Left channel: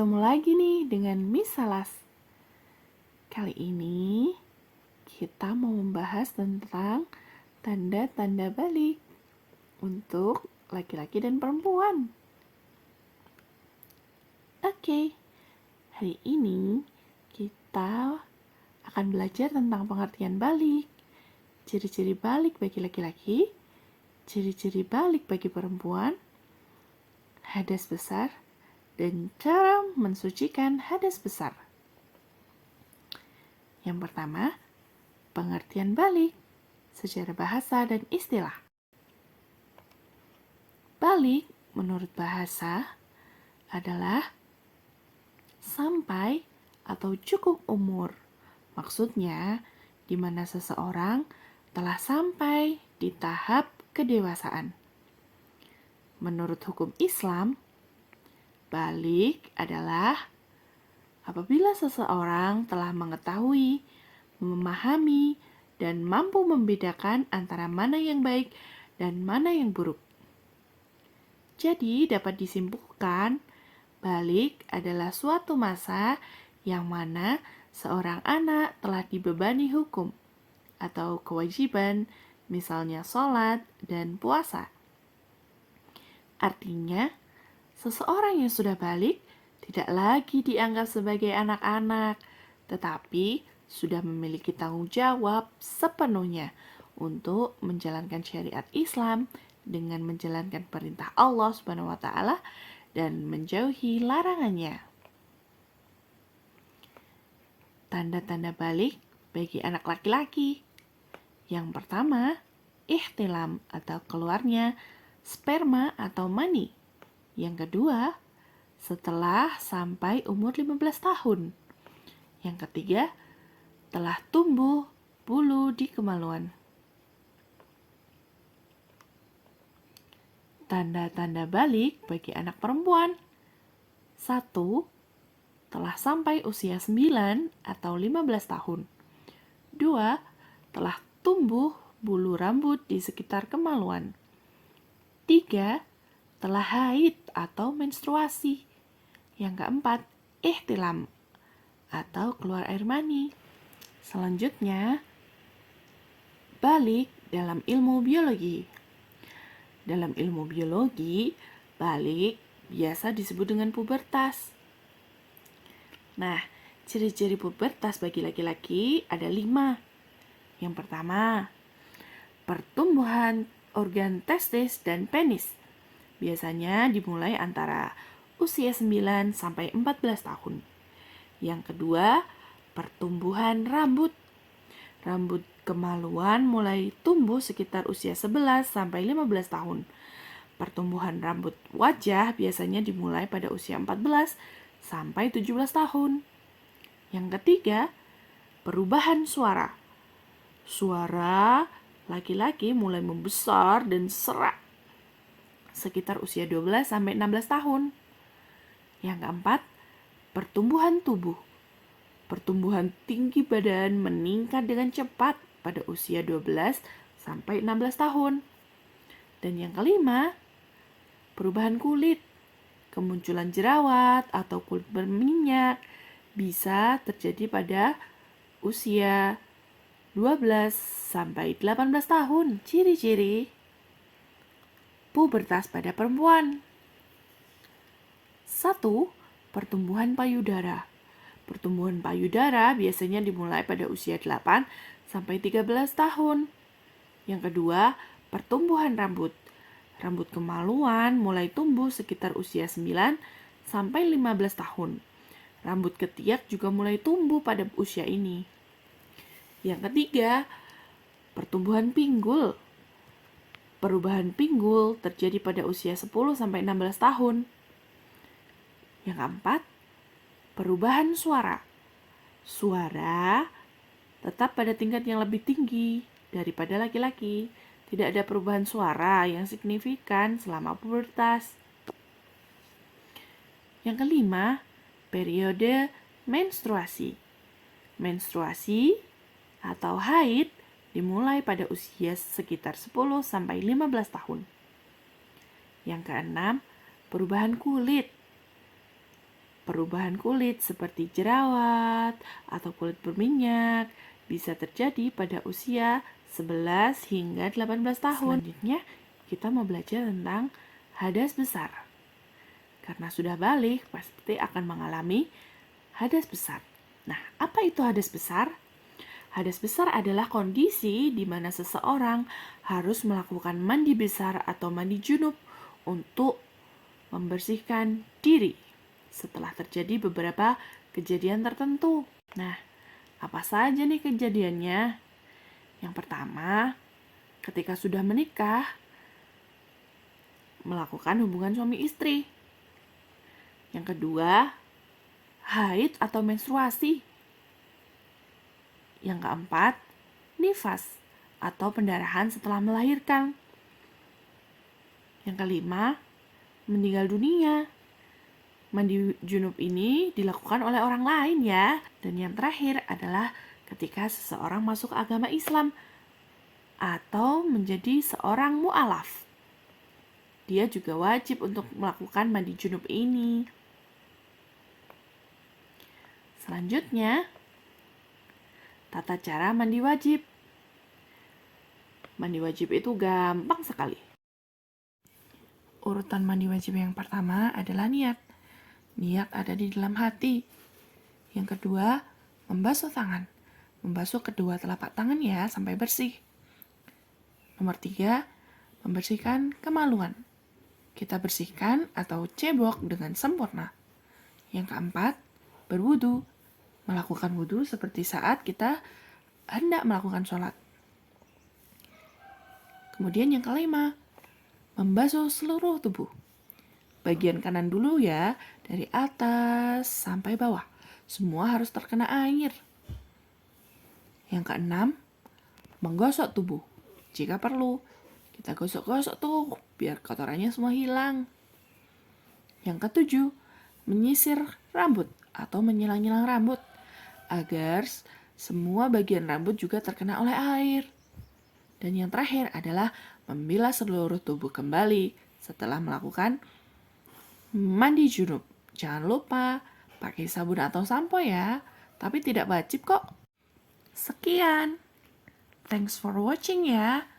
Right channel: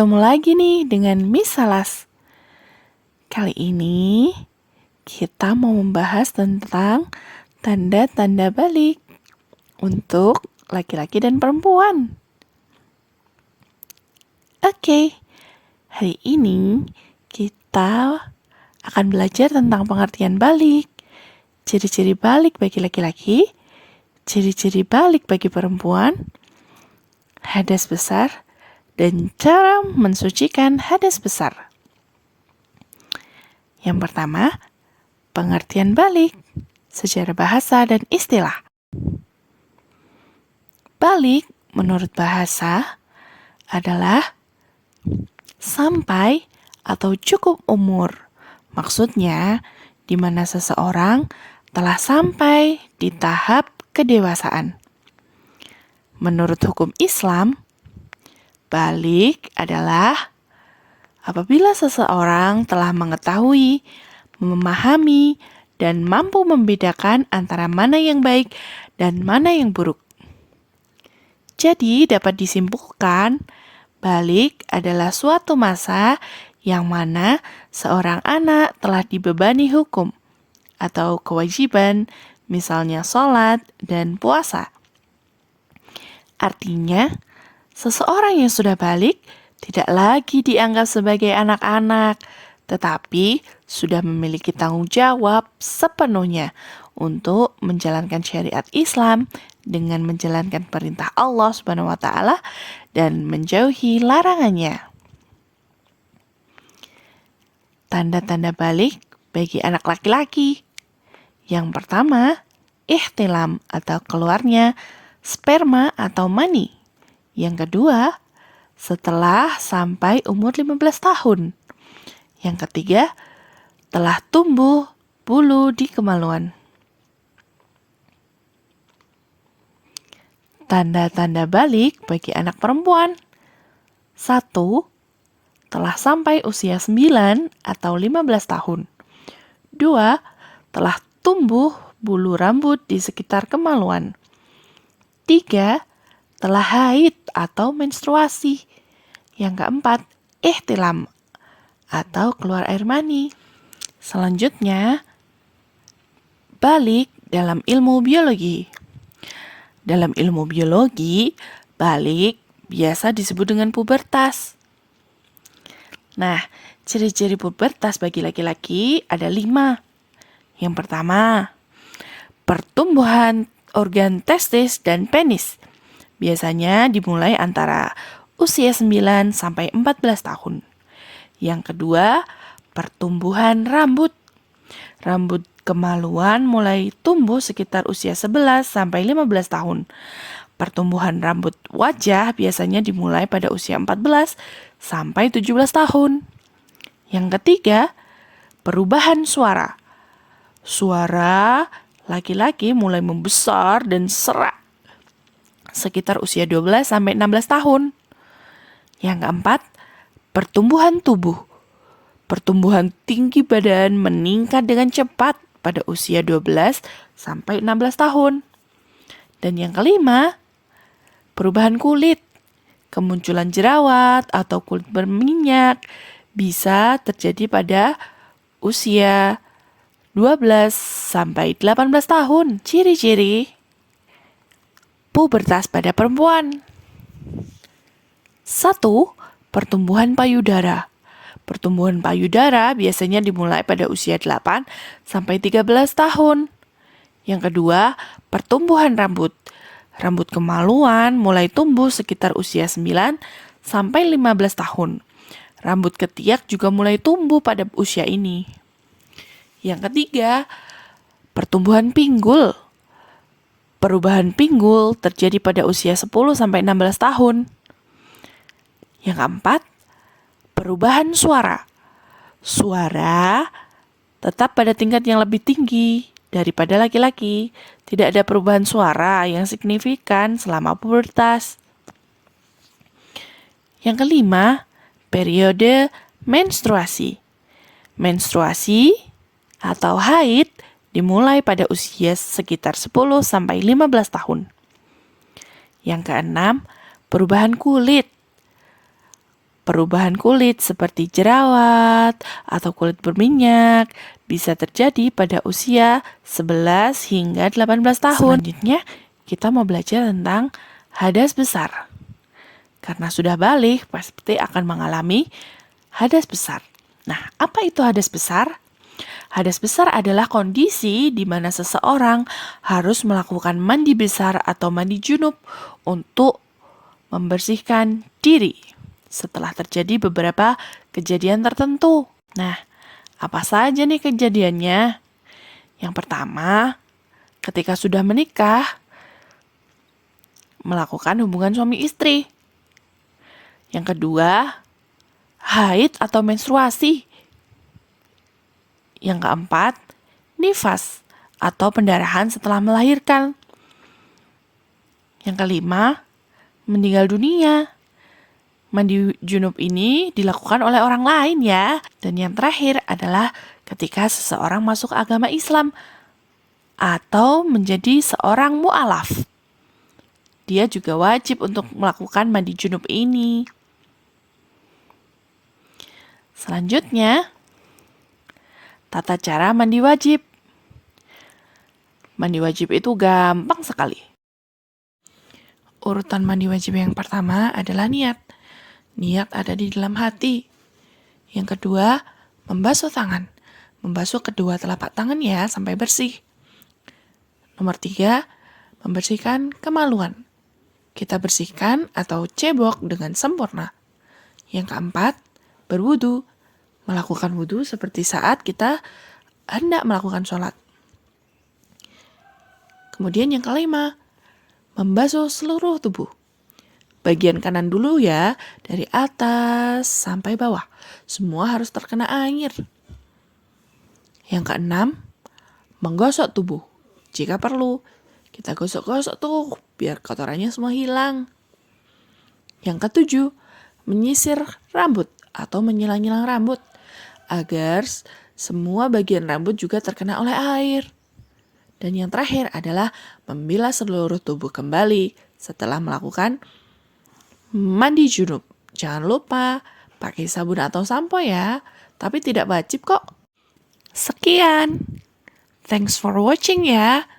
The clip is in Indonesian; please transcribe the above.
Bertemu lagi nih dengan Miss Salas. Kali ini kita mau membahas tentang tanda-tanda balik untuk laki-laki dan perempuan. Oke, hari ini kita akan belajar tentang pengertian balik, ciri-ciri balik bagi laki-laki, ciri-ciri balik bagi perempuan, hadas besar, dan cara mensucikan hadas besar. Yang pertama, pengertian balik secara bahasa dan istilah. Balik menurut bahasa adalah sampai atau cukup umur. Maksudnya, di mana seseorang telah sampai di tahap kedewasaan. Menurut hukum Islam, balik adalah apabila seseorang telah mengetahui, memahami, dan mampu membedakan antara mana yang baik dan mana yang buruk. Jadi dapat disimpulkan, balik adalah suatu masa yang mana seorang anak telah dibebani hukum atau kewajiban, misalnya sholat dan puasa. Artinya, seseorang yang sudah balik tidak lagi dianggap sebagai anak-anak, tetapi sudah memiliki tanggung jawab sepenuhnya untuk menjalankan syariat Islam dengan menjalankan perintah Allah Subhanahu wa taala dan menjauhi larangannya. Tanda-tanda balik bagi anak laki-laki. Yang pertama, ihtilam atau keluarnya sperma atau mani. Yang kedua, setelah sampai umur 15 tahun. Yang ketiga, telah tumbuh bulu di kemaluan. Tanda-tanda balik bagi anak perempuan. 1. Telah sampai usia 9 atau 15 tahun. 2. Telah tumbuh bulu rambut di sekitar kemaluan. 3. Telah haid atau menstruasi. Yang keempat, ihtilam atau keluar air mani. Selanjutnya, balik dalam ilmu biologi. Dalam ilmu biologi, balik biasa disebut dengan pubertas. Nah, ciri-ciri pubertas bagi laki-laki ada 5. Yang pertama, pertumbuhan organ testis dan penis. Biasanya dimulai antara usia 9 sampai 14 tahun. Yang kedua, pertumbuhan rambut. Rambut kemaluan mulai tumbuh sekitar usia 11 sampai 15 tahun. Pertumbuhan rambut wajah biasanya dimulai pada usia 14 sampai 17 tahun. Yang ketiga, perubahan suara. Suara laki-laki mulai membesar dan serak sekitar usia 12 sampai 16 tahun. Yang keempat, pertumbuhan tubuh. Pertumbuhan tinggi badan meningkat dengan cepat pada usia 12 sampai 16 tahun. Dan yang kelima, perubahan kulit. Kemunculan jerawat atau kulit berminyak bisa terjadi pada usia 12 sampai 18 tahun. Ciri-ciri pubertas pada perempuan. 1. Pertumbuhan payudara. Pertumbuhan payudara biasanya dimulai pada usia 8 sampai 13 tahun. Yang kedua, pertumbuhan rambut. Rambut kemaluan mulai tumbuh sekitar usia 9 sampai 15 tahun. Rambut ketiak juga mulai tumbuh pada usia ini. Yang ketiga, pertumbuhan pinggul. Perubahan pinggul terjadi pada usia 10 sampai 16 tahun. Yang keempat, perubahan suara. Suara tetap pada tingkat yang lebih tinggi daripada laki-laki. Tidak ada perubahan suara yang signifikan selama pubertas. Yang kelima, periode menstruasi. Menstruasi atau haid dimulai pada usia sekitar 10 sampai 15 tahun. Yang keenam, perubahan kulit. Perubahan kulit seperti jerawat atau kulit berminyak bisa terjadi pada usia 11 hingga 18 tahun. Selanjutnya, kita mau belajar tentang hadas besar. Karena sudah balik, pasti akan mengalami hadas besar. Nah, apa itu hadas besar? Hadas besar adalah kondisi di mana seseorang harus melakukan mandi besar atau mandi junub untuk membersihkan diri setelah terjadi beberapa kejadian tertentu. Nah, apa saja nih kejadiannya? Yang pertama, ketika sudah menikah, melakukan hubungan suami istri. Yang kedua, haid atau menstruasi. Yang keempat, nifas atau pendarahan setelah melahirkan. Yang kelima, meninggal dunia. Mandi junub ini dilakukan oleh orang lain ya. Dan yang terakhir adalah ketika seseorang masuk agama Islam atau menjadi seorang mu'alaf. Dia juga wajib untuk melakukan mandi junub ini. Selanjutnya, tata cara mandi wajib. Mandi wajib itu gampang sekali. Urutan mandi wajib yang pertama adalah niat. Niat ada di dalam hati. Yang kedua, membasuh tangan. Membasuh kedua telapak tangan ya sampai bersih. Nomor 3, membersihkan kemaluan. Kita bersihkan atau cebok dengan sempurna. Yang keempat, berwudu. Melakukan wudu seperti saat kita hendak melakukan sholat. Kemudian yang kelima, membasuh seluruh tubuh. Bagian kanan dulu ya, dari atas sampai bawah. Semua harus terkena air. Yang keenam, menggosok tubuh. Jika perlu, kita gosok-gosok tuh biar kotorannya semua hilang. Yang ketujuh, menyisir rambut atau menyilang-nyilang rambut agar semua bagian rambut juga terkena oleh air. Dan yang terakhir adalah membilas seluruh tubuh kembali setelah melakukan mandi junub. Jangan lupa pakai sabun atau sampo ya, tapi tidak wajib kok. Sekian. Thanks for watching ya.